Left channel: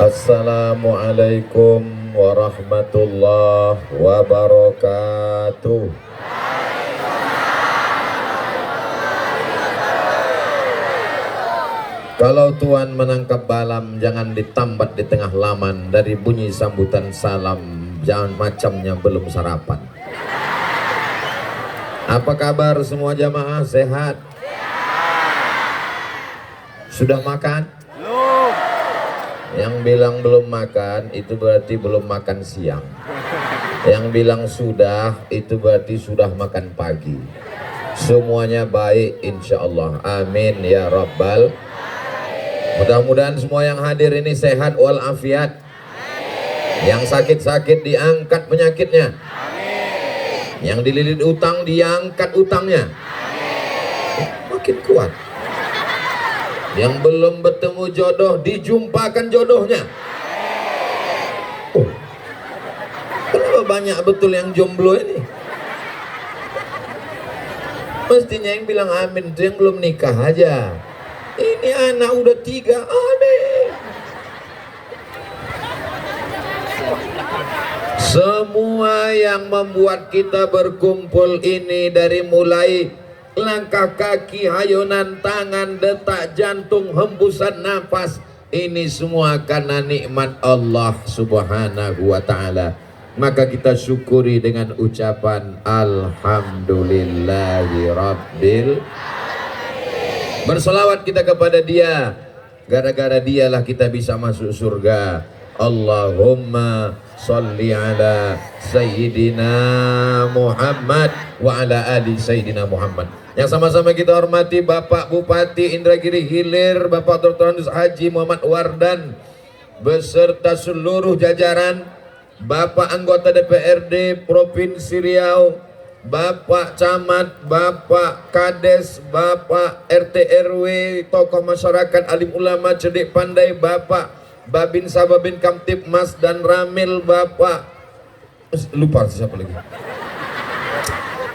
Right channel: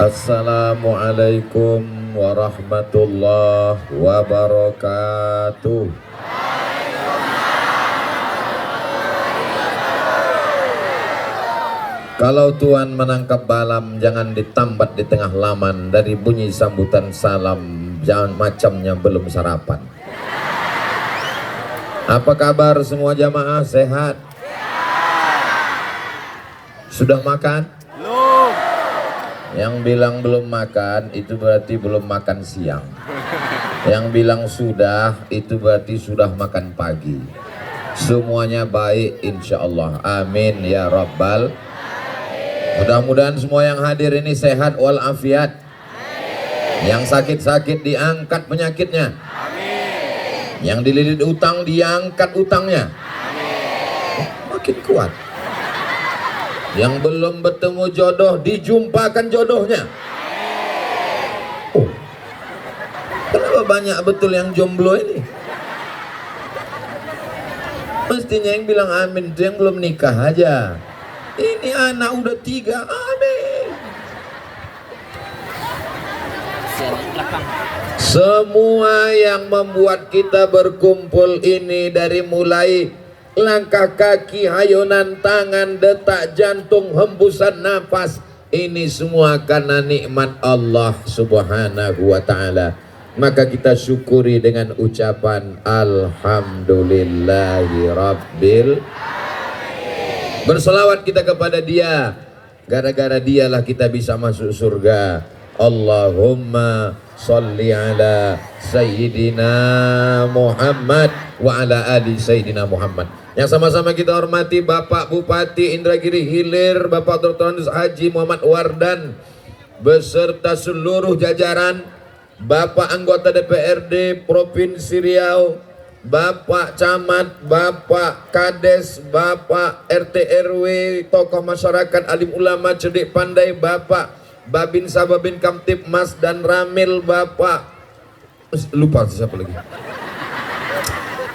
Assalamualaikum warahmatullahi wabarakatuh. Kalau Tuhan menangkap balam, jangan ditambat di tengah laman. Dari bunyi sambutan salam, jangan macamnya belum sarapan. Apa kabar semua jamaah? Sehat? Sudah makan? Belum. Yang bilang belum makan itu berarti belum makan siang. Yang bilang sudah itu berarti sudah makan pagi. Semuanya baik insya Allah. Amin ya Rabbal. Mudah-mudahan semua yang hadir ini sehat walafiat. Yang sakit-sakit diangkat penyakitnya. Yang dililit utang diangkat utangnya. Makin kuat. Yang belum bertemu jodoh dijumpakan jodohnya. Oh, kenapa banyak betul yang jomblo ini? Mestinya yang bilang amin itu yang belum nikah aja. Ini anak udah 3, amin. Semua yang membuat kita berkumpul ini, dari mulai langkah kaki, hayunan tangan, detak jantung, hembusan nafas, ini semua karena nikmat Allah subhanahu wa ta'ala. Maka kita syukuri dengan ucapan Alhamdulillahi Rabbil. Berselawat kita kepada Dia. Gara-gara Dialah kita bisa masuk surga. Allahumma salli ala Sayyidina Muhammad wa ala ali Sayyidina Muhammad. Yang sama-sama kita hormati Bapak Bupati Indragiri Hilir, Bapak Dr. Haji Muhammad Wardan, beserta seluruh jajaran, Bapak anggota DPRD Provinsi Riau, Bapak Camat, Bapak Kades, Bapak RT RW, tokoh masyarakat, alim ulama, cerdik pandai, Bapak Babin Sababin Kamtip Mas dan Ramil, Bapak lupa siapa lagi,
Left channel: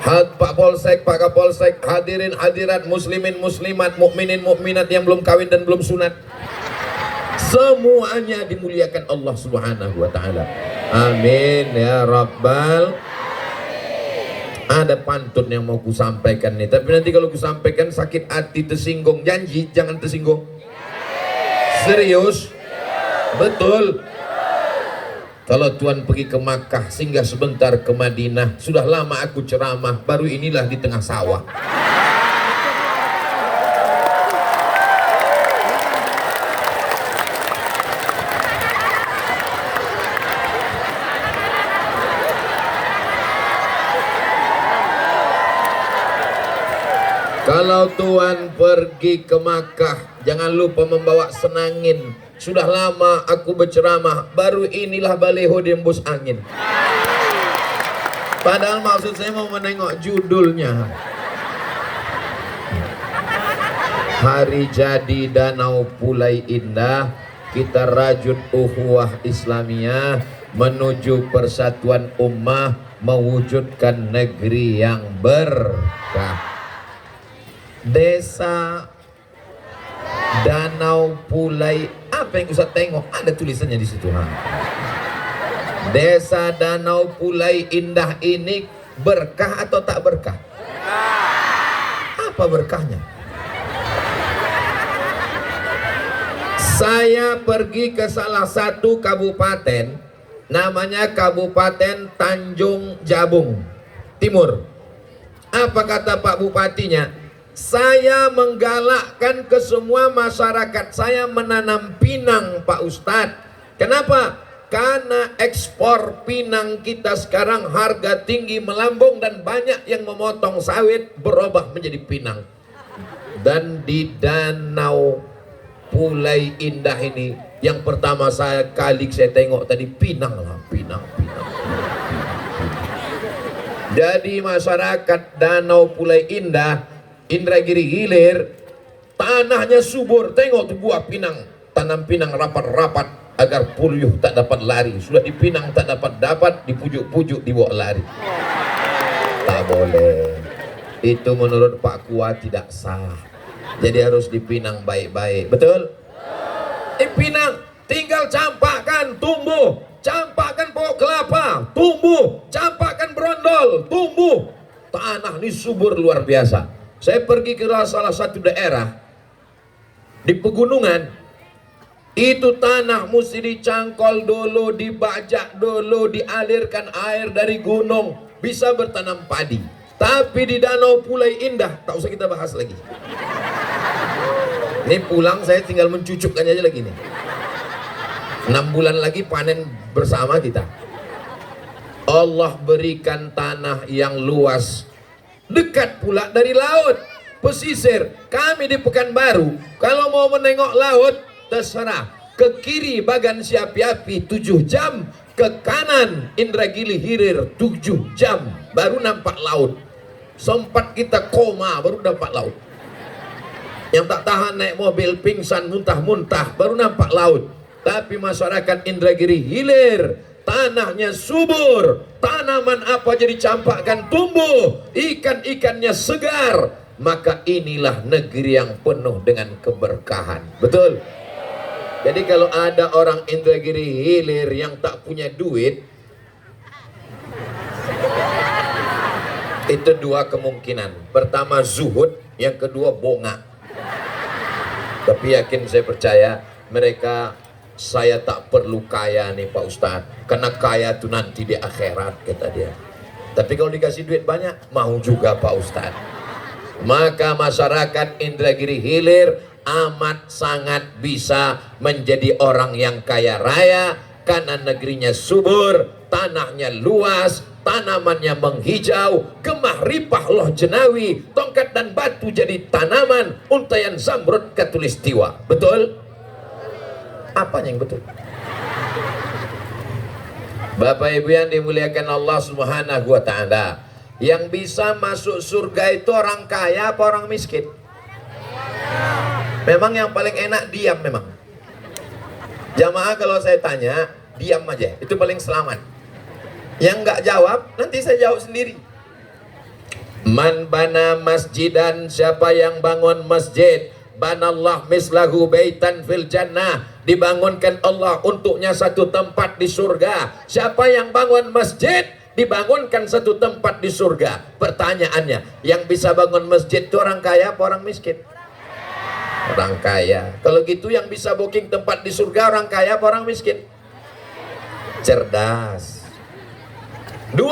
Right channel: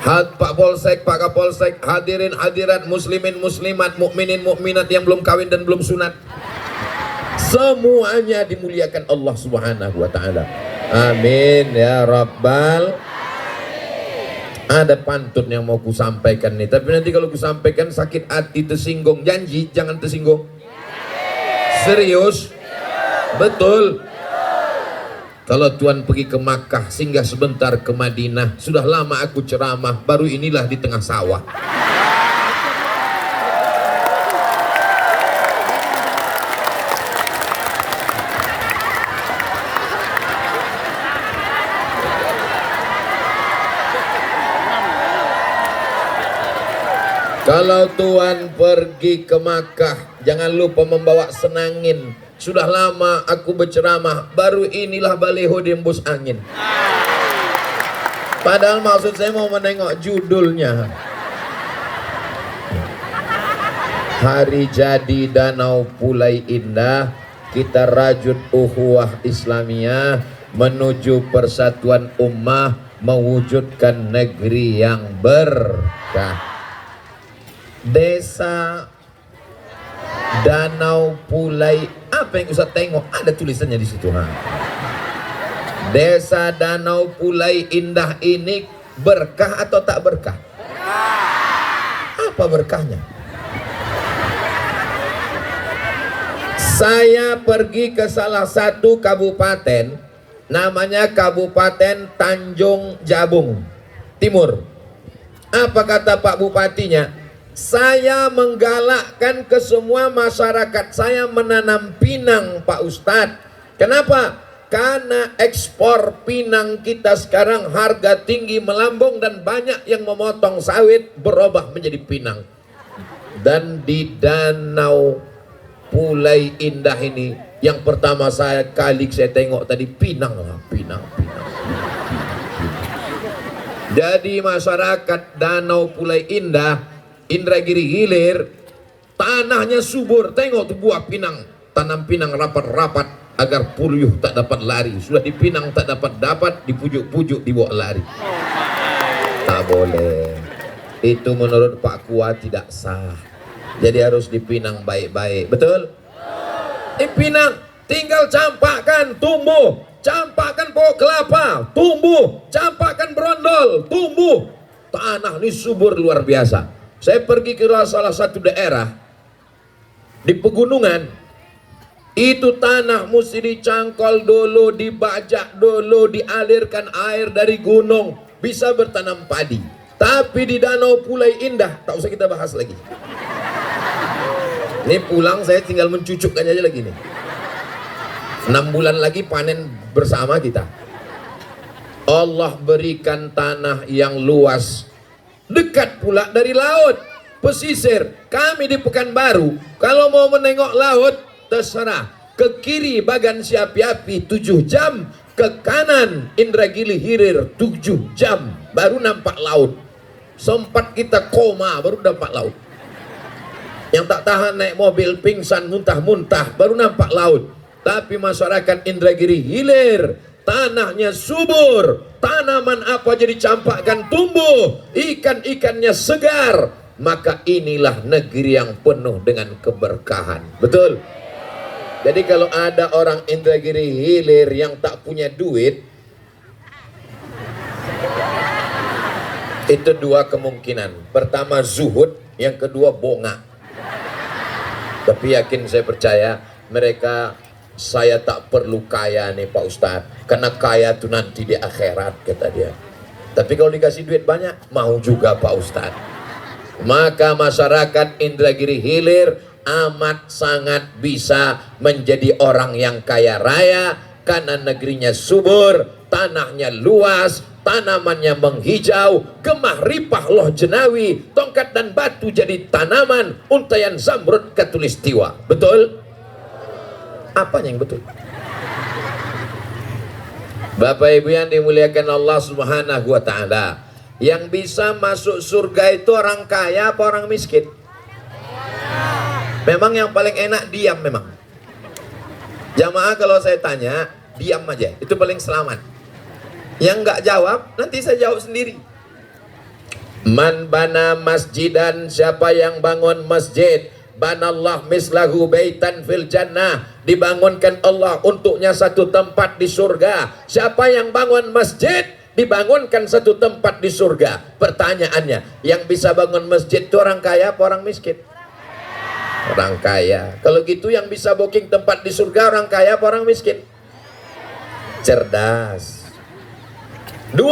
Pak Polsek, Pak Kapolsek, hadirin hadirat, muslimin muslimat, mukminin mukminat yang belum kawin dan belum sunat, semuanya dimuliakan Allah subhanahu wa ta'ala. Amin ya Rabbal. Ada pantun yang mau ku sampaikan nih, tapi nanti kalau ku sampaikan sakit hati, tersinggung. Janji jangan tersinggung. Serius? Betul. Kalau Tuhan pergi ke Makkah, singgah sebentar ke Madinah. Sudah lama aku ceramah, baru inilah di tengah sawah. Kalau Tuhan pergi ke Makkah, jangan lupa membawa senangin. Sudah lama aku berceramah, baru inilah baliho diembus angin. Padahal maksud saya mau menengok judulnya. Hari jadi Danau Pulai Indah, kita rajut ukhuwah Islamiyah menuju persatuan ummah, mewujudkan negeri yang berkah. Desa Danau Pulai, apa yang Ustaz tengok? Ada tulisannya di situ. Desa Danau Pulai Indah ini berkah atau tak berkah? Apa berkahnya? Saya pergi ke salah satu kabupaten, namanya Kabupaten Tanjung Jabung Timur. Apa kata Pak Bupatinya? Saya menggalakkan ke semua masyarakat saya menanam pinang, Pak Ustadz. Kenapa? Karena ekspor pinang kita sekarang harga tinggi melambung dan banyak yang memotong sawit berubah menjadi pinang. Dan di Danau Pulai Indah ini, yang pertama saya tengok tadi pinang. Jadi masyarakat Danau Pulai Indah, Indragiri Hilir, tanahnya subur. Tengok tuh buah pinang, tanam pinang rapat-rapat agar puyuh tak dapat lari. Sudah dipinang tak dapat, dipujuk-pujuk dibawa lari. Tak boleh. Itu menurut Pak Kua tidak sah. Jadi harus dipinang baik-baik. Betul? Pinang tinggal campakkan tumbuh, campakkan pokok kelapa tumbuh, campakkan berondol tumbuh. Tanah ini subur luar biasa. Saya pergi ke salah satu daerah di pegunungan, itu tanah mesti dicangkol dulu, dibajak dulu, dialirkan air dari gunung, bisa bertanam padi. Tapi di Danau Pulai Indah, tak usah kita bahas lagi. Ini pulang saya tinggal mencucukkan aja lagi nih. 6 bulan lagi panen bersama kita. Allah berikan tanah yang luas, dekat pula dari laut, pesisir. Kami di Pekanbaru, kalau mau menengok laut, terserah. Ke kiri Bagan Siapi-api 7 jam, ke kanan Indragiri Hilir 7 jam, baru nampak laut. Sempat kita koma, baru nampak laut. Yang tak tahan naik mobil, pingsan, muntah-muntah, baru nampak laut. Tapi masyarakat Indragiri Hilir, tanahnya subur, tanaman apa jadi campakkan tumbuh, ikan-ikannya segar. Maka inilah negeri yang penuh dengan keberkahan. Betul? Jadi kalau ada orang Indragiri Hilir yang tak punya duit, itu 2 kemungkinan. Pertama zuhud, yang kedua bongak. Tapi yakin saya percaya mereka, saya tak perlu kaya nih Pak Ustadz, karena kaya itu nanti di akhirat, kata dia. Tapi kalau dikasih duit banyak, mau juga Pak Ustadz. Maka masyarakat Indragiri Hilir amat sangat bisa menjadi orang yang kaya raya, karena negerinya subur, tanahnya luas, tanamannya menghijau, gemah ripah loh jenawi, tongkat dan batu jadi tanaman, untayan zamrud katulistiwa. Betul? Apanya yang betul? Bapak Ibu yang dimuliakan Allah Subhanahu wa Ta'ala, yang bisa masuk surga itu orang kaya apa orang miskin? Memang yang paling enak diam memang. Jamaah kalau saya tanya, diam aja, itu paling selamat. Yang nggak jawab, nanti saya jawab sendiri. Man bana masjidan, siapa yang bangun masjid, banallah mislahu baitan fil jannah, dibangunkan Allah untuknya satu tempat di surga. Siapa yang bangun masjid, dibangunkan satu tempat di surga. Pertanyaannya, yang bisa bangun masjid itu orang kaya apa orang miskin? Orang kaya. Kalau gitu yang bisa booking tempat di surga orang kaya apa orang miskin? Cerdas. 2,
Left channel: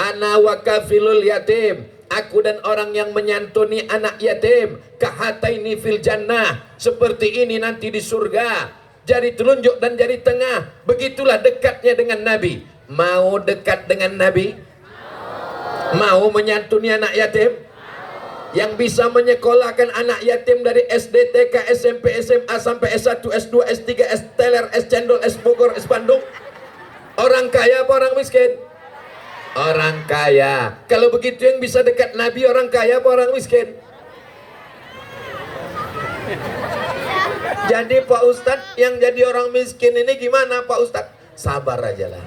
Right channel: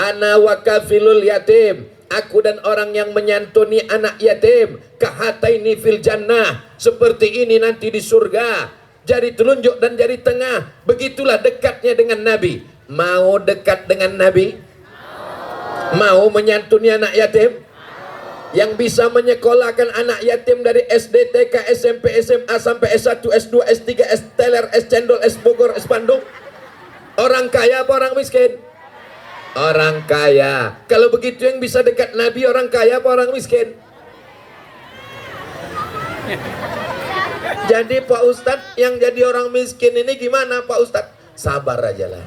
ana wakafilul yatim, aku dan orang yang menyantuni anak yatim, kahataini fil jannah, seperti ini nanti di surga, jari telunjuk dan jari tengah. Begitulah dekatnya dengan Nabi. Mau dekat dengan Nabi? Mau menyantuni anak yatim? Yang bisa menyekolahkan anak yatim dari SD, TK, SMP, SMA sampai S1, S2, S3, S teler, S cendol, S Bogor, S Bandung, orang kaya apa orang miskin? Orang kaya. Kalau begitu yang bisa dekat Nabi orang kaya apa orang miskin? Jadi Pak Ustadz, yang jadi orang miskin ini gimana Pak Ustadz? Sabar aja lah.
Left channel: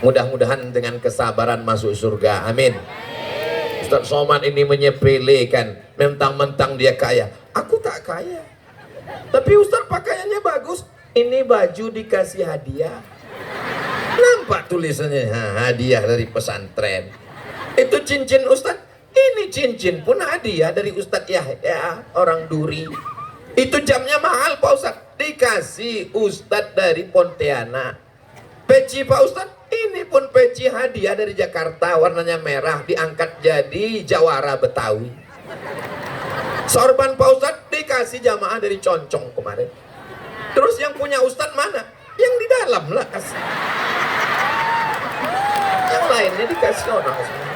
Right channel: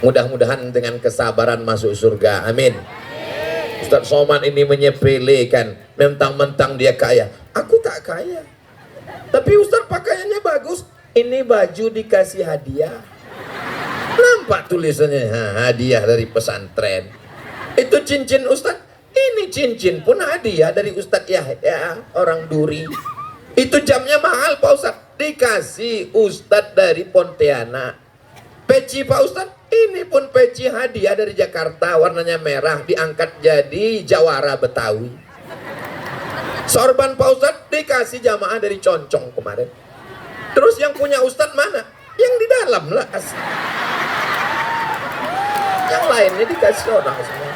Mudah-mudahan dengan kesabaran masuk surga. Amin. Ustadz Somad ini menyepelekan, mentang-mentang dia kaya. Aku tak kaya, tapi Ustadz pakaiannya bagus. Ini baju dikasih hadiah. Nampak tulisannya, hadiah dari pesantren. Itu cincin Ustadz, ini cincin pun hadiah dari Ustadz Yahya, orang Duri. Itu jamnya mahal Pak Ustadz, dikasih Ustadz dari Pontianak. Peci Pak Ustadz, ini pun peci hadiah dari Jakarta, warnanya merah, diangkat jadi jawara Betawi. Sorban Pak Ustadz dikasih jamaah dari Concong kemarin. Terus yang punya Ustadz mana? Yang di dalam lah kasih. Yang lainnya dikasih orang semua.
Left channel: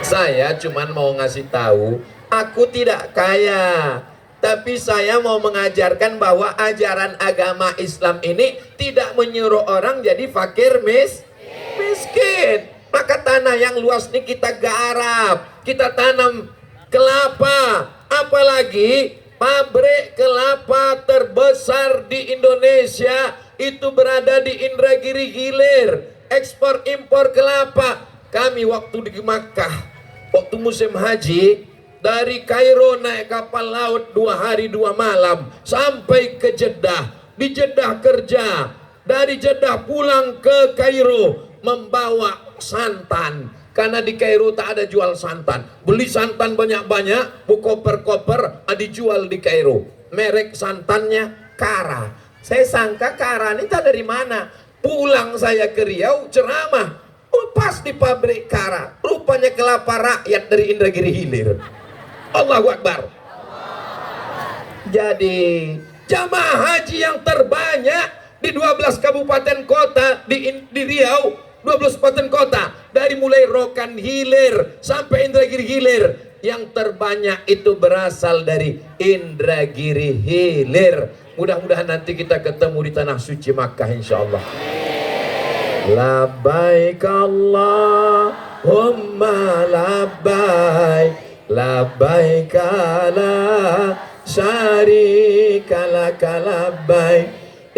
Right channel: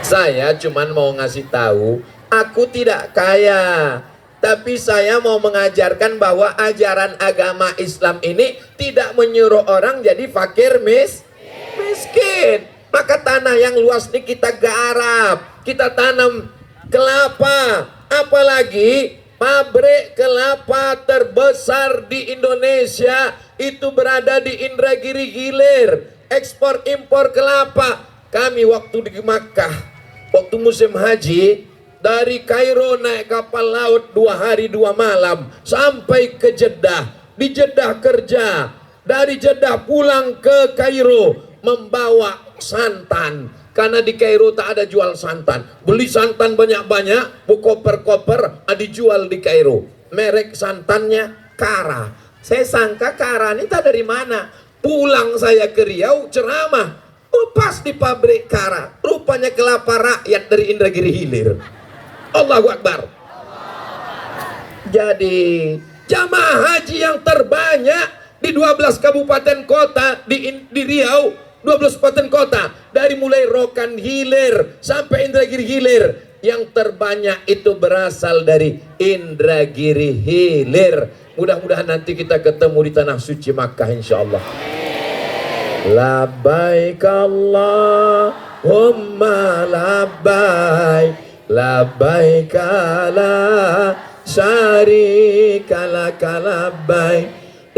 Saya cuman mau ngasih tahu, aku tidak kaya, tapi saya mau mengajarkan bahwa ajaran agama Islam ini tidak menyuruh orang jadi fakir miskin. Maka tanah yang luas ini kita garap, kita tanam kelapa. Apalagi pabrik kelapa terbesar di Indonesia itu berada di Indragiri Hilir. Ekspor impor kelapa. Kami waktu di Makkah, waktu musim haji, Dari Kairo naik kapal laut 2 hari 2 malam sampai ke Jeddah. Di Jeddah kerja, dari Jeddah pulang ke Kairo membawa santan, karena di Kairo tak ada jual santan. Beli santan banyak-banyak, koper-koper, dijual di Kairo. Merek santannya Kara. Saya sangka Kara ini tak dari mana. Pulang saya ke Riau ceramah, pas di pabrik Kara, rupanya kelapa rakyat dari Indragiri Hilir. Allahu Akbar. Jadi jamaah haji yang terbanyak di 12 kabupaten kota di Riau, 12 kabupaten kota, dari mulai Rokan Hilir sampai Indragiri Hilir, yang terbanyak itu berasal dari Indragiri Hilir. Mudah-mudahan nanti kita ketemu di tanah suci Makkah insyaallah. Labbaik Allahumma labbaik, labbaik la syarika laka labbaik,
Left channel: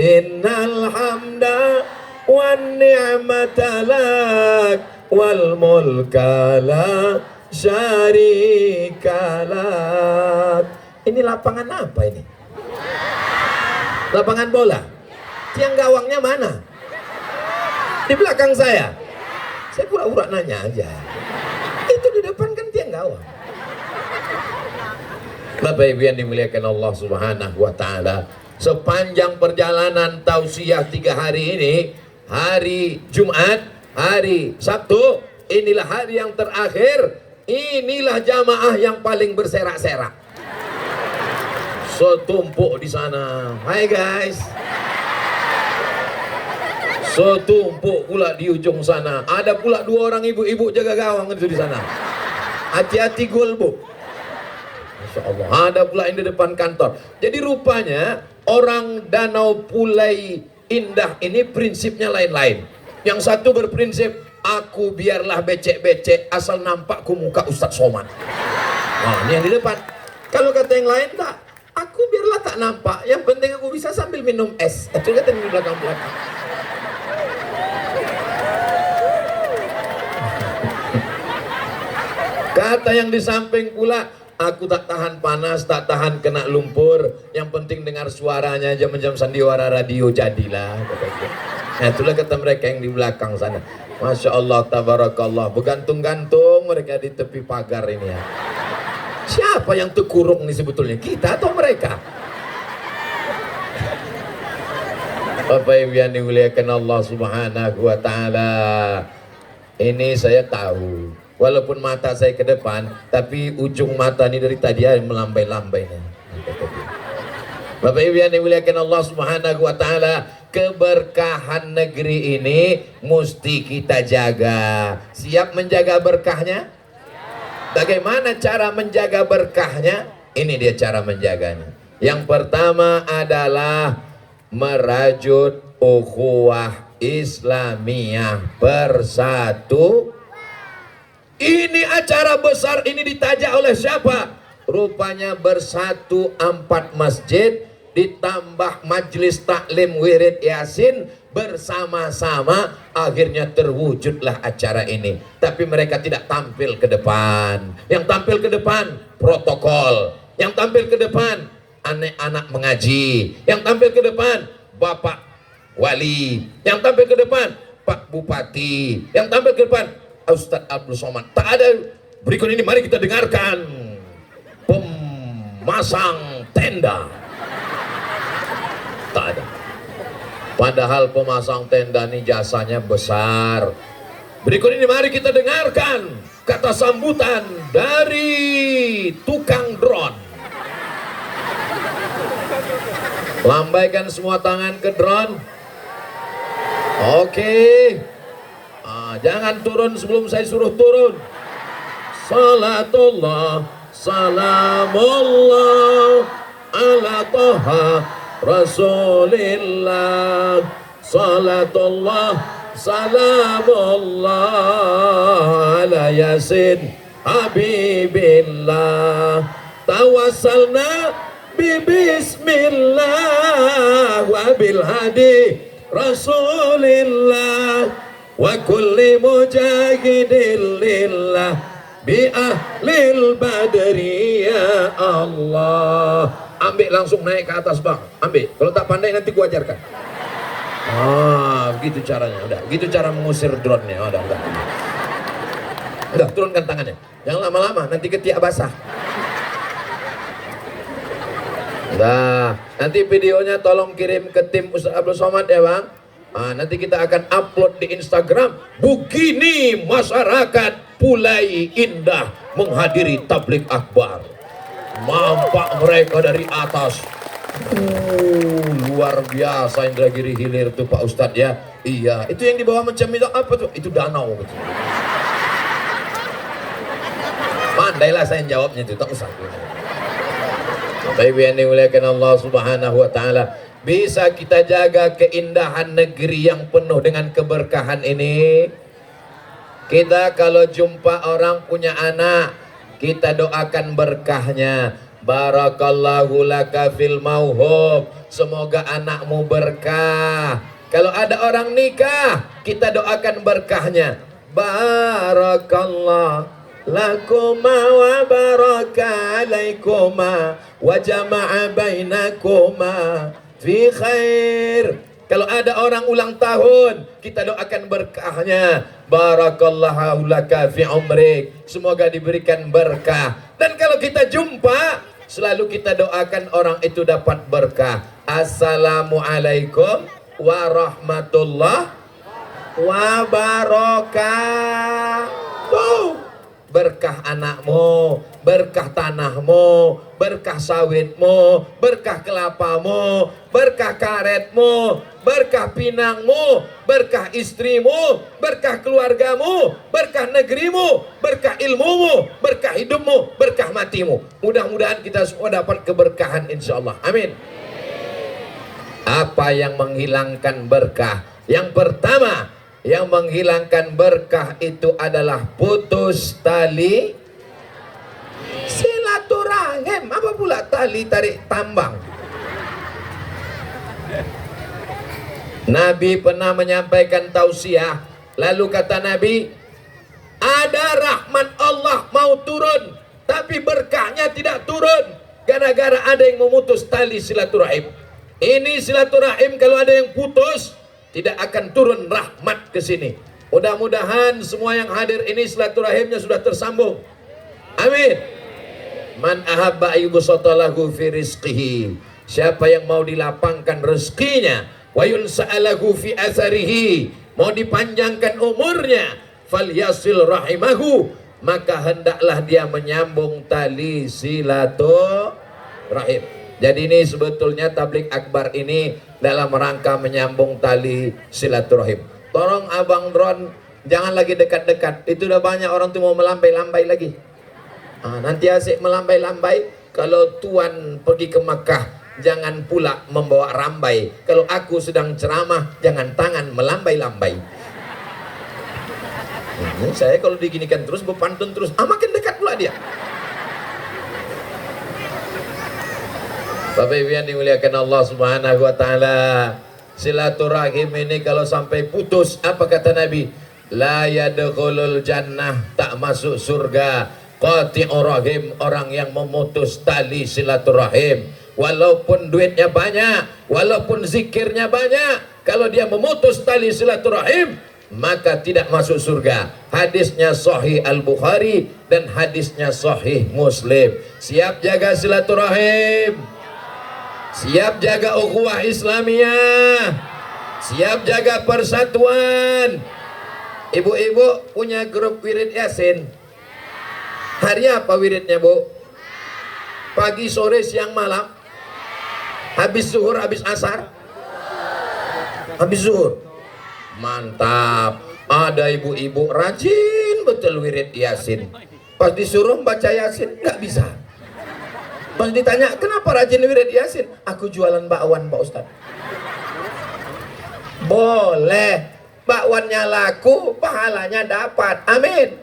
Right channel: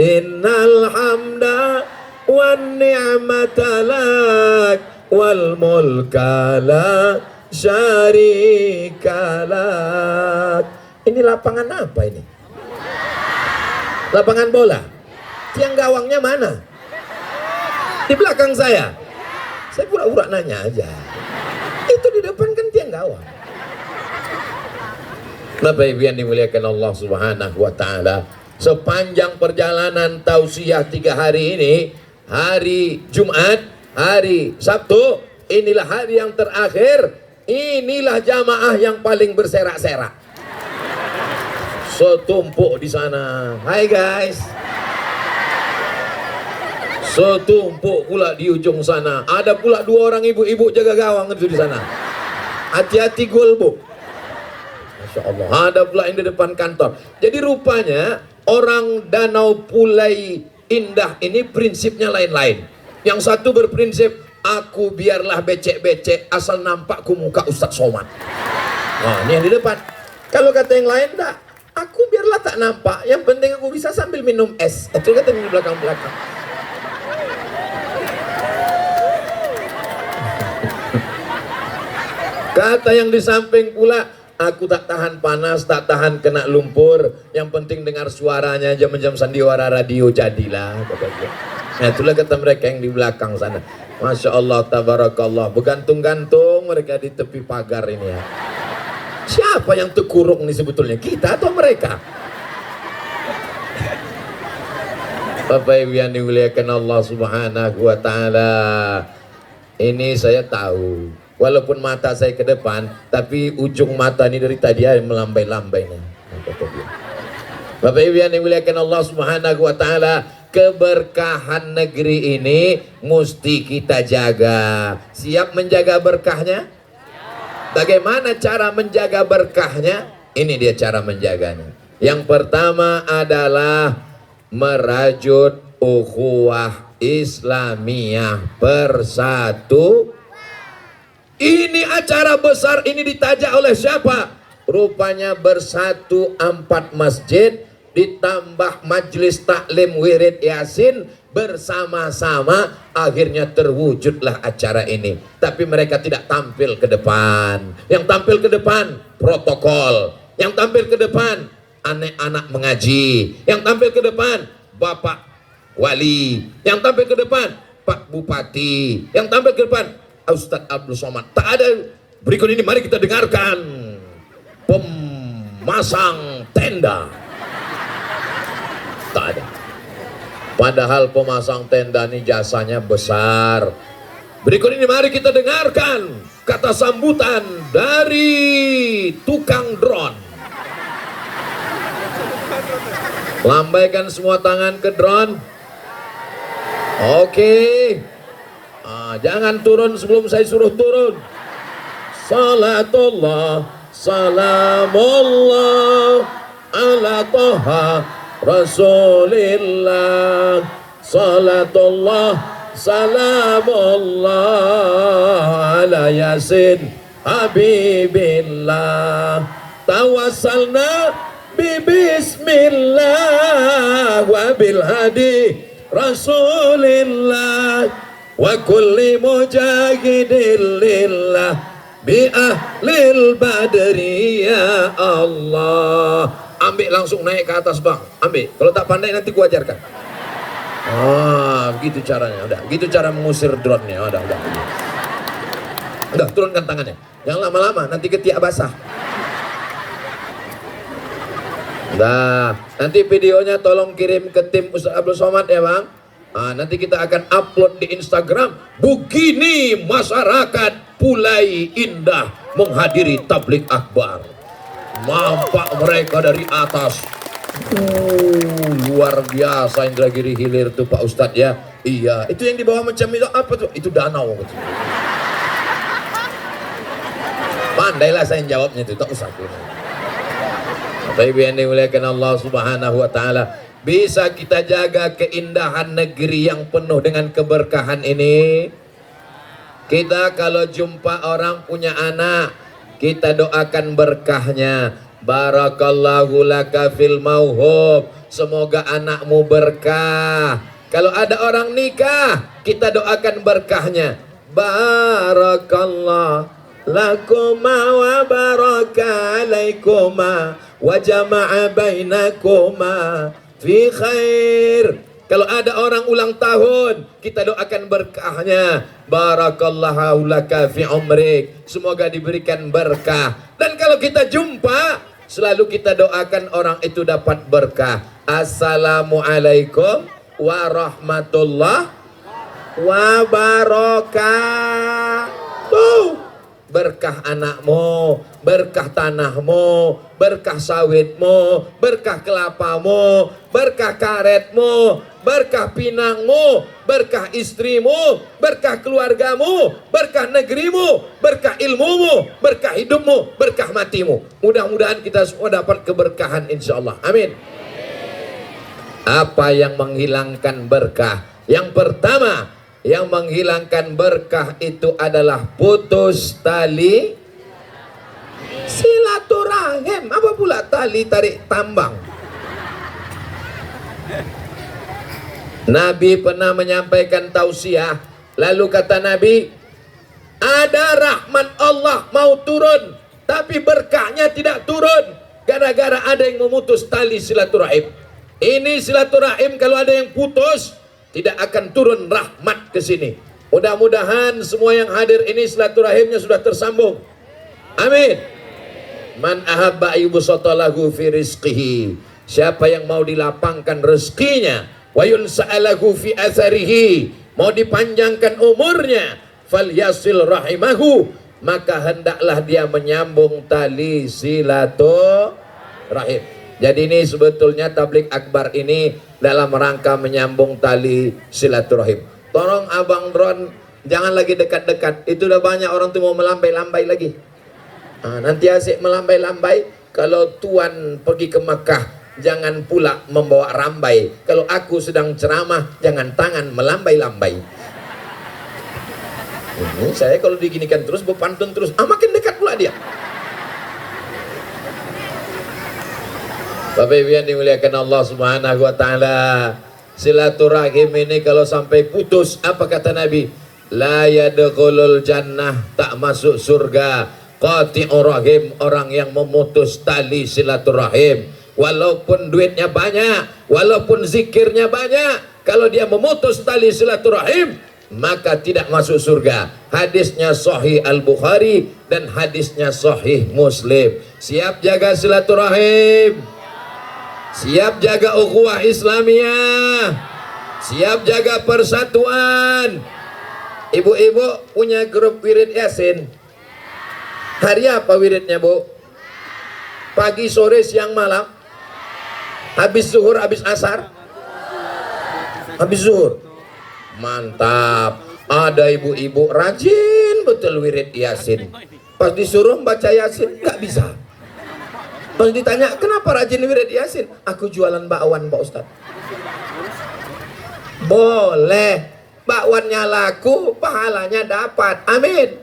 innal hamda wan ni'mata lak wal mulka la syarika lak. Ini lapangan apa ini? Lapangan bola. Tiang gawangnya mana? Di belakang saya. Saya pura-pura nanya aja. Itu di depan kan tiang gawang. Bapak Ibu yang dimuliakan Allah Subhanahu wa taala, sepanjang perjalanan tausiah 3 hari ini, hari Jumat, hari Sabtu, inilah hari yang terakhir, inilah jamaah yang paling berserak-serak. Setumpuk di sana. Hai guys. Setumpuk pula di ujung sana. Ada pula 2 orang ibu-ibu jaga gawang itu di sana. Hati-hati gol, Bu. Masya Allah. Ada pula yang di depan kantor. Jadi rupanya orang Danau Pulai Indah ini prinsipnya lain-lain. Yang satu berprinsip, aku biarlah becek-becek asal nampakku muka Ustadz Somad. Nah, ini yang di depan. Kalau kata yang lain, enggak, aku biarlah tak nampak, yang penting aku bisa sambil minum es. Itu kata di belakang-belakang. Kata yang di samping pula, aku tak tahan panas, tak tahan kena lumpur, yang penting dengar suaranya jam-jam sandiwara radio jadilah, kata dia. Nah, itulah kata mereka yang di belakang sana. Masya Allah, tabarakallah, bergantung-gantung mereka di tepi pagar ini ya. Siapa yang terkurung nih sebetulnya, kita atau mereka? Bapak Ibu yang dimuliakan Allah Subhanahu wa taala, ini saya tahu, walaupun mata saya ke depan, tapi ujung mata ini dari tadi melambai-lambai nih. Bapak Ibu yang dimuliakan Allah Subhanahu wa taala, keberkahan negeri ini mesti kita jaga. Siap menjaga berkahnya? Bagaimana cara menjaga berkahnya? Ini dia cara menjaganya. Yang pertama adalah merajut ukhuwah Islamiyah, bersatu. Ini acara besar ini ditajak oleh siapa? Rupanya bersatu 4 masjid, ditambah majelis taklim wirid yasin, bersama-sama akhirnya terwujudlah acara ini. Tapi mereka tidak tampil ke depan. Yang tampil ke depan protokol, yang tampil ke depan anak-anak mengaji, yang tampil ke depan Bapak Wali, yang tampil ke depan Pak Bupati, yang tampil ke depan Ustadz Abdul Somad. Tak ada. Berikut ini mari kita dengarkan pemasang tenda. Tak ada. Padahal pemasang tenda ini jasanya besar. Berikut ini mari kita dengarkan kata sambutan dari tukang drone. Lambaikan semua tangan ke drone. Oke. Jangan turun sebelum saya suruh turun. Salatullah, salamullah ala Taha Rasulillah. Salatullah, salamullah ala Yasin Habibillah. Tawassalna bismillah wa bil hadi Rasulillah wa kulli mujahidin lillah bi ahli lil badri ya Allah. Ambil langsung naik ke atas bang, ambil. Kalau tak pandai nanti gua ajarkan. Begitu caranya. Udah, gitu cara mengusir drone-nya. Udah, turunkan tangannya. Jangan lama-lama, nanti ketiak basah. Nah, nanti videonya tolong kirim ke tim Ustaz Abdul Somad ya bang. Nanti kita akan upload di Instagram. Begini masyarakat Pulai Indah menghadiri tablik akbar. Nampak mereka dari atas. Luar biasa Indragiri Hilir tuh Pak Ustadz ya. Iya, itu yang di bawah macam itu apa tuh? Itu danau. Pandailah saya jawabnya itu, tak usah. Bapak Ibu yang dimuliakan Allah Subhanahu wa taala, bisa kita jaga keindahan negeri yang penuh dengan keberkahan ini. Kita kalau jumpa orang punya anak, kita doakan berkahnya. Barakallahu laka fil mauhub, semoga anakmu berkah. Kalau ada orang nikah, kita doakan berkahnya. Barakallahu lakuma wa baraka alaikuma wa jama'a bainakuma fi khair. Kalau ada orang ulang tahun, kita doakan berkahnya. Barakallahu laka fi umrik, semoga diberikan berkah. Dan kalau kita jumpa, selalu kita doakan orang itu dapat berkah. Assalamualaikum warahmatullahi wabarakatuh. Berkah anakmu, berkah tanahmu, berkah sawitmu, berkah kelapamu, berkah karetmu, berkah pinangmu, berkah istrimu, berkah keluargamu, berkah negerimu, berkah ilmumu, berkah hidupmu, berkah matimu. Mudah-mudahan kita semua dapat keberkahan insya Allah. Amin. Apa yang menghilangkan berkah? Yang pertama, yang menghilangkan berkah itu adalah putus tali silaturahim. Apa pula tali tarik tambang? Nabi pernah menyampaikan tausiah, lalu kata Nabi, ada rahmat Allah mau turun, tapi berkahnya tidak turun gara-gara ada yang memutus tali silaturahim. Ini silaturahim kalau ada yang putus, tidak akan turun rahmat ke sini. Mudah-mudahan semua yang hadir ini silaturahimnya sudah tersambung. Amin. Man ahabba yubsata lahu fi rizqihi, siapa yang mau dilapangkan rezekinya, wa yunsa'alahu fi atharihi, mau dipanjangkan umurnya, falyasil rahimahu, maka hendaklah dia menyambung tali silaturahim. Jadi ini sebetulnya tablik akbar ini dalam rangka menyambung tali silaturahim. Tolong abang drone jangan lagi dekat-dekat. Itu udah banyak orang tuh mau melambai-lambai lagi. Nanti asik melambai-lambai. Kalau tuan pergi ke Mekah, jangan pula membawa rambai. Kalau aku sedang ceramah, jangan tangan melambai-lambai. Ini saya kalau diginikan terus, berpantun terus, makin dekat pula dia. Bapak Ibu yang dimuliakan Allah Subhanahu wa taala, silaturahim ini kalau sampai putus, apa kata Nabi? La yadkhulul jannah, tak masuk surga. Qati'ur rahim, orang yang memutus tali silaturahim. Walaupun duitnya banyak, walaupun zikirnya banyak, kalau dia memutus tali silaturahim, maka tidak masuk surga. Hadisnya Sahih Al-Bukhari dan hadisnya Sahih Muslim. Siap jaga silaturahim, siap jaga ukhuwah Islamiyah, siap jaga persatuan. Ibu-ibu punya grup wirid Yasin. Hari apa wiridnya, Bu? Pagi, sore, siang, malam? Habis zuhur, habis asar? Habis zuhur. Mantap. Ada ibu-ibu rajin betul wirid Yasin. Pas disuruh baca Yasin nggak bisa. Pas ditanya, kenapa rajin wirid Yasin? Aku jualan bakwan, Pak Ustaz. Boleh. Bakwannya laku, pahalanya dapat. Amin.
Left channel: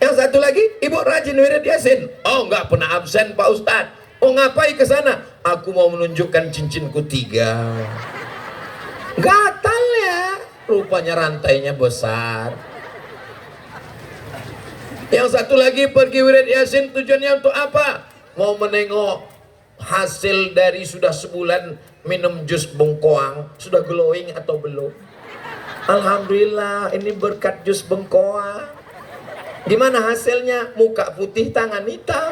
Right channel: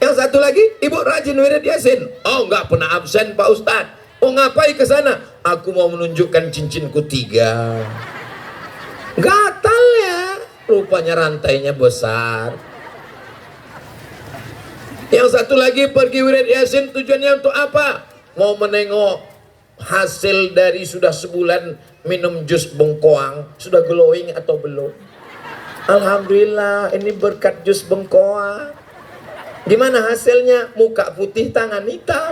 Yang satu lagi, ibu rajin wirid Yasin. Oh, nggak pernah absen, Pak Ustaz. Oh, ngapain ke sana? Aku mau menunjukkan cincinku 3. Gatal ya. Rupanya rantainya besar. Yang satu lagi pergi wirid Yasin tujuannya untuk apa? Mau menengok hasil dari sudah sebulan minum jus bengkoang, sudah glowing atau belum? Alhamdulillah, ini berkat jus bengkoang. Gimana hasilnya? Muka putih, tangan hitam.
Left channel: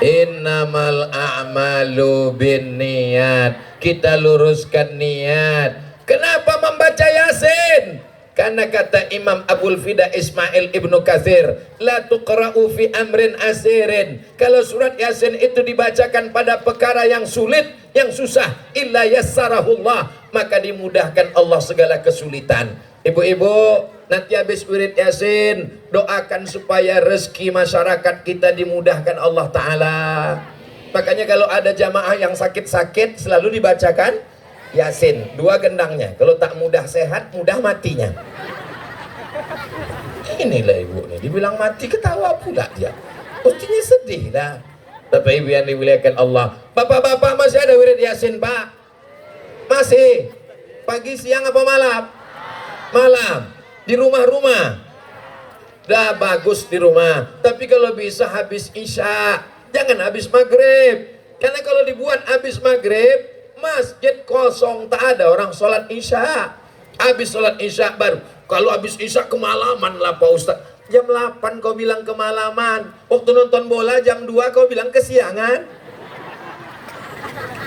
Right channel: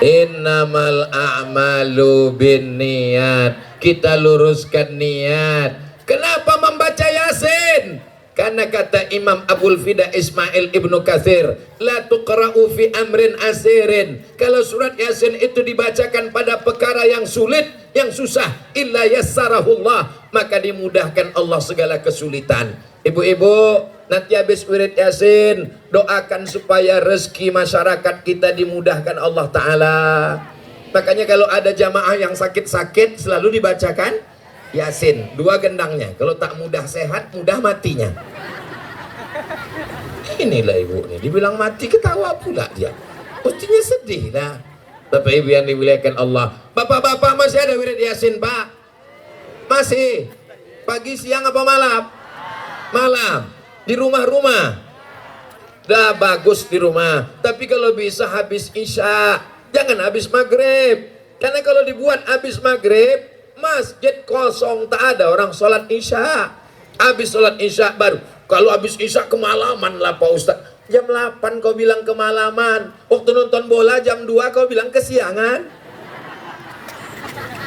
Innamal a'malu binniyat. Kita luruskan niat. Kenapa membaca Yasin? Karena kata Imam Abul Fida Ismail Ibnu Katsir, la tuqra'u fi amrin asirin. Kalau surat Yasin itu dibacakan pada perkara yang sulit, yang susah, illa yassarahullah, maka dimudahkan Allah segala kesulitan. Ibu-ibu, nanti habis wirid Yasin, doakan supaya rezeki masyarakat kita dimudahkan Allah Ta'ala. Makanya kalau ada jamaah yang sakit-sakit, selalu dibacakan Yasin, 2 gendangnya. Kalau tak mudah sehat, mudah matinya. Inilah ibu nih, dibilang mati ketawa pula dia. Mestinya sedih dah. Bapak ibu yang dimuliakan Allah. Bapak-bapak masih ada wirid Yasin, Pak? Masih? Pagi, siang, apa malam? Malam. Di rumah-rumah. Dah bagus di rumah. Tapi kalau bisa habis Isya, jangan habis maghrib. Karena kalau dibuat habis maghrib, masjid kosong, tak ada orang sholat Isya. Habis sholat Isya baru. Kalau habis Isya kemalaman lah Pak Ustaz. Jam 8 kau bilang kemalaman. Waktu nonton bola jam 2 kau bilang kesiangan.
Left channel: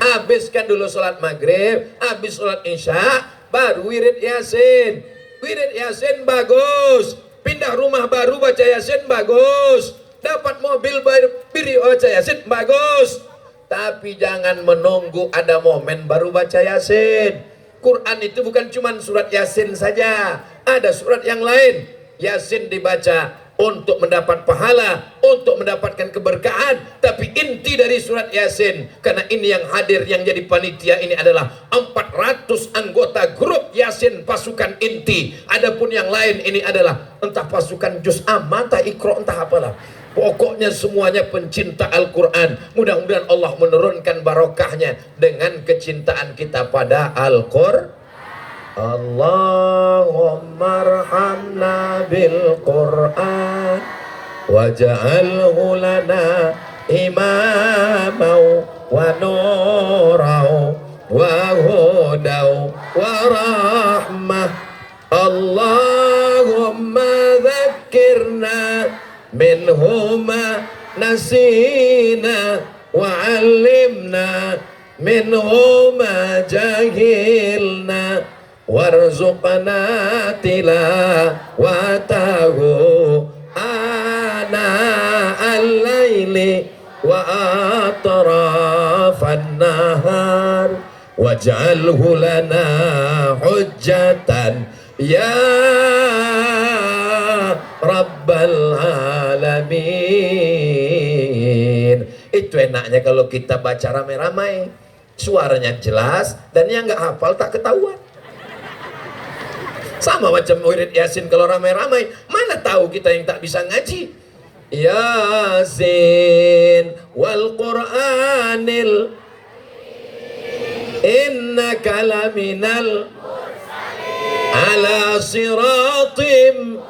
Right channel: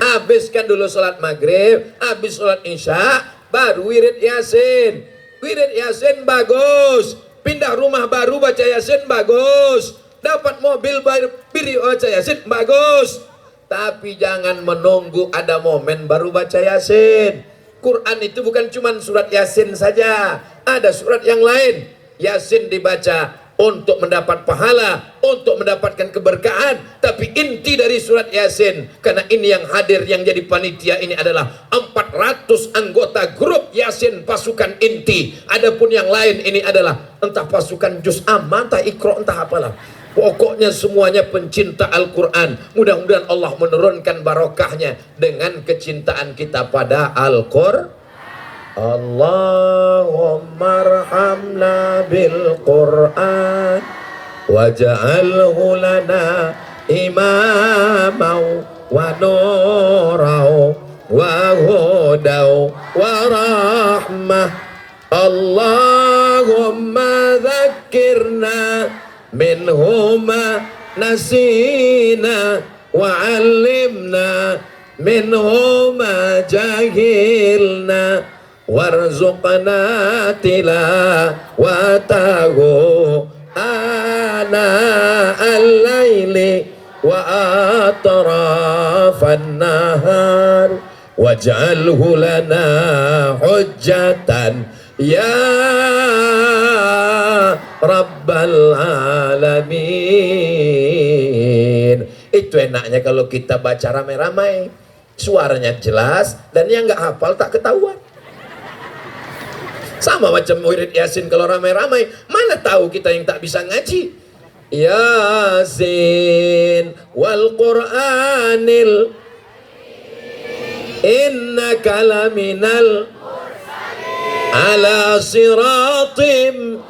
Habiskan dulu sholat maghrib, habis sholat Isya, baru wirid Yasin. Wirid Yasin bagus. Pindah rumah baru baca Yasin bagus. Dapat mobil baru baca Yasin bagus. Tapi jangan menunggu ada momen baru baca Yasin. Quran itu bukan cuma surat Yasin saja, ada surat yang lain. Yasin dibaca untuk mendapat pahala, untuk mendapatkan keberkahan. Tapi inti dari surat Yasin, karena ini yang hadir, yang jadi panitia ini adalah 400 anggota grup Yasin pasukan inti. Adapun yang lain ini adalah entah pasukan juz amma, entah ikro, entah apalah. Pokoknya semuanya pencinta Al-Quran. Mudah-mudahan Allah menurunkan barokahnya dengan kecintaan kita pada Al-Quran. Allahumma arhamna bil Quran waj'alhu lana imamau wa nurau wa hudau wa rahmah. Allahumma dhakkirna minhuma nasina wa'allimna minhuma jahilna warzuqna tilawatahu ana al-laili wa atrafan nahar waj'alhu lana hujjatan ya Rabbal Alamin. Itu enaknya kalau kita baca ramai-ramai, suaranya jelas dan yang nggak hafal tak ketahuan. Sama macam wirid Yasin kalau ramai-ramai, mana tahu kita yang tak bisa ngaji. Yasin wal Qur'anil innaka laminal ala siratim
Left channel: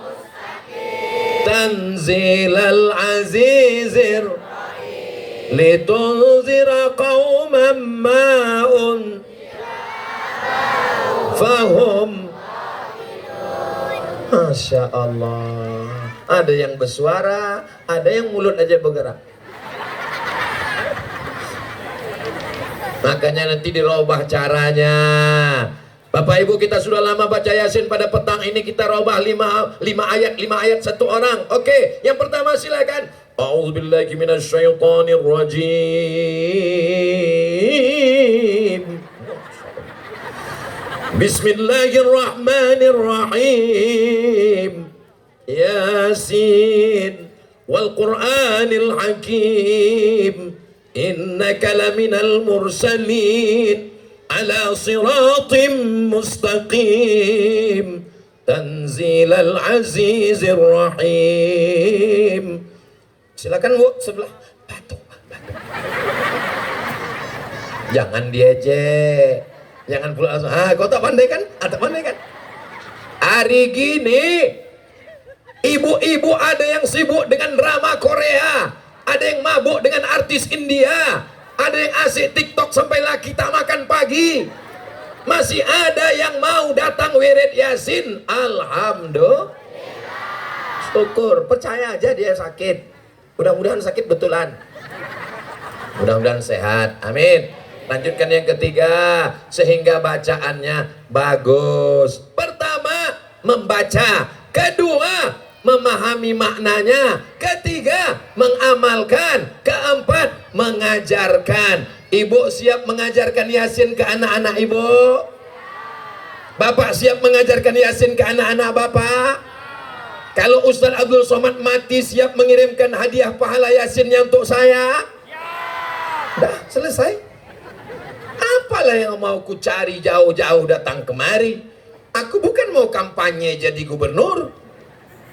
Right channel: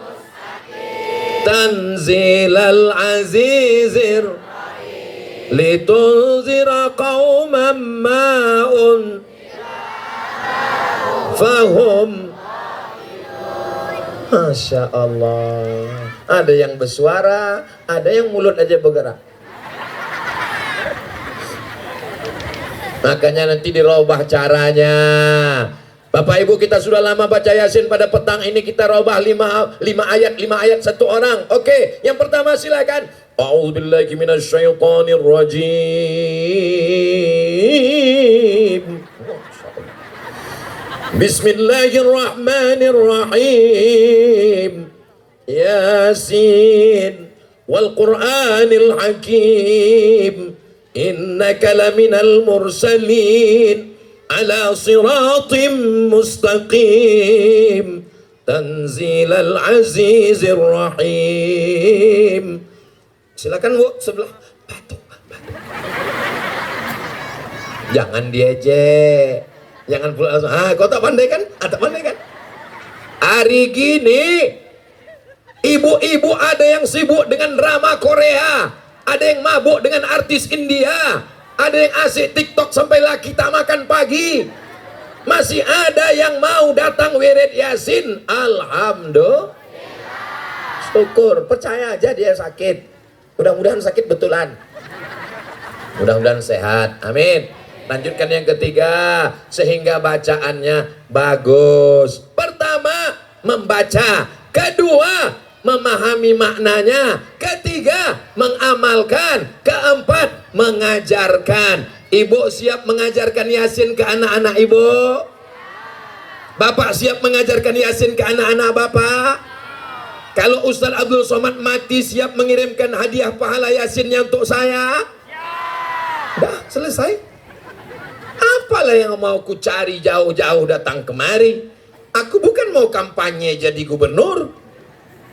tanzilal azizir litunzira qauman ma'un fahum. Masya Allah, ada yang bersuara, ada yang mulut aja bergerak. Makanya nanti dirubah caranya. Bapak Ibu, kita sudah lama baca Yasin, pada petang ini kita robah 5 ayat satu orang. Oke, yang pertama silakan. A'udzubillahi minasyaitonir rajim. Bismillahirrahmanirrahim. Yasin wal Qur'anil hakim. Innaka laminal mursalin ala siratim mustaqim tanzilal azizir rahim. Silakan Bu, sebelah batu. Jangan diejek, jangan pula langsung, kau tak pandai kan? Tak pandai kan? Hari gini Ibu-ibu ada yang sibuk dengan drama Korea, ada yang mabuk dengan artis India, ada yang asik TikTok sampai lagi tak makan pagi. Masih ada yang mau datang wirid Yasin. Alhamdulillah. Syukur, percaya aja dia sakit. Mudah-mudahan sakit betulan. Mudah-mudahan sehat. Amin. Lanjutkan yang ketiga, sehingga bacaannya bagus. Pertama, membaca. Kedua, memahami maknanya. Ketiga, mengamalkan. Keempat, mengajarkan. Ibu siap mengajarkan Yasin ke anak-anak ibu? Bapak siap mengajarkan Yasin ke anak-anak bapak? Kalau Ustaz Abdul Somad mati, siap mengirimkan hadiah pahala Yasinnya untuk saya? Dah selesai. Apalah yang mau ku cari jauh-jauh datang kemari? Aku bukan mau kampanye jadi gubernur.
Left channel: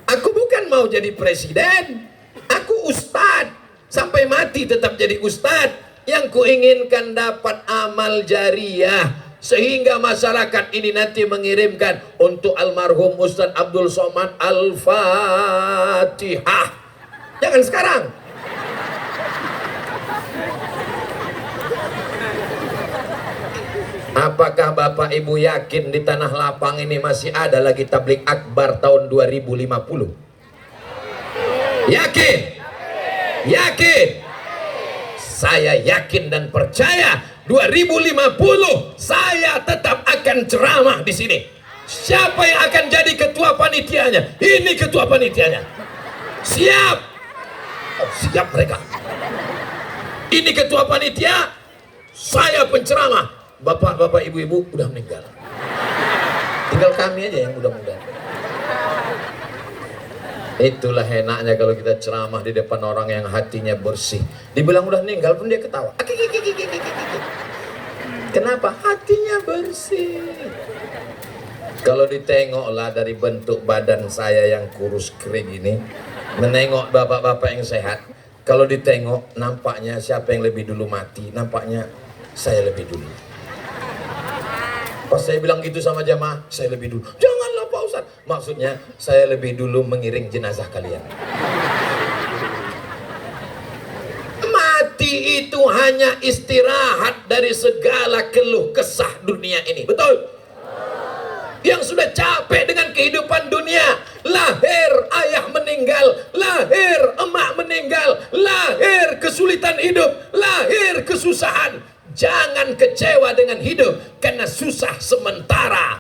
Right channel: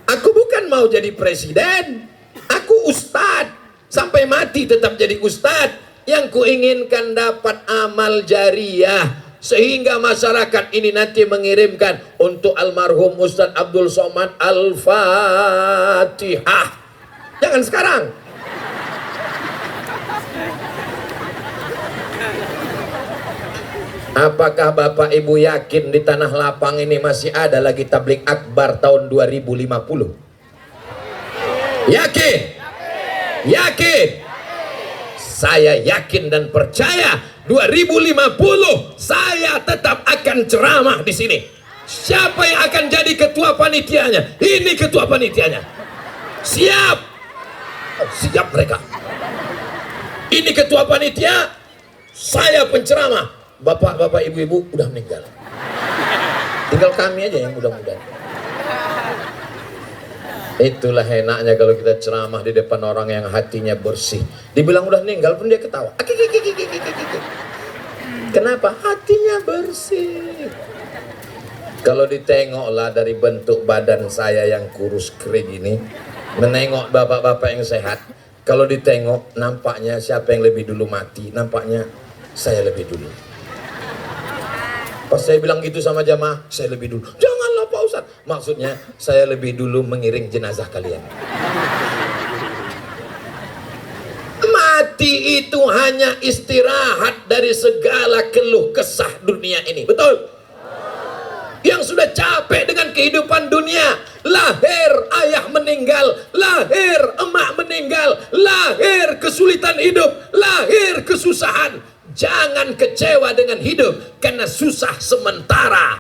Aku bukan mau jadi presiden. Aku ustadz. Sampai mati tetap jadi ustadz. Yang kuinginkan dapat amal jariah, sehingga masyarakat ini nanti mengirimkan untuk almarhum Ustaz Abdul Somad Al-Fatihah. Jangan sekarang. Apakah Bapak Ibu yakin di Tanah Lapang ini masih ada lagi tablik akbar tahun 2050? Yakin? Yakin? Saya yakin dan percaya 2050 saya tetap akan ceramah di sini. Siapa yang akan jadi ketua panitianya? Ini ketua panitianya. Siap? Oh, siap mereka. Ini ketua panitia, saya penceramah. Bapak-bapak, ibu-ibu udah meninggal. Tinggal kami aja yang mudah-mudahan. Itulah enaknya kalau kita ceramah di depan orang yang hatinya bersih. Dibilang udah meninggal pun dia ketawa. Kenapa? Hatinya bersih. Kalau ditengoklah dari bentuk badan saya yang kurus kering ini, menengok bapak-bapak yang sehat, kalau ditengok nampaknya siapa yang lebih dulu mati, nampaknya saya lebih dulu. Pas saya bilang gitu sama jamaah, saya lebih dulu. Janganlah Pak Ustaz. Maksudnya saya lebih dulu mengiring jenazah kalian. Mati itu hanya istirahat dari segala keluh kesah dunia ini. Betul? Yang sudah capek dengan kehidupan dunia. Lahir ayah meninggal, lahir emak meninggal, lahir kesulitan hidup, lahir kesusahan. Jangan kecewa dengan hidup karena susah sementara.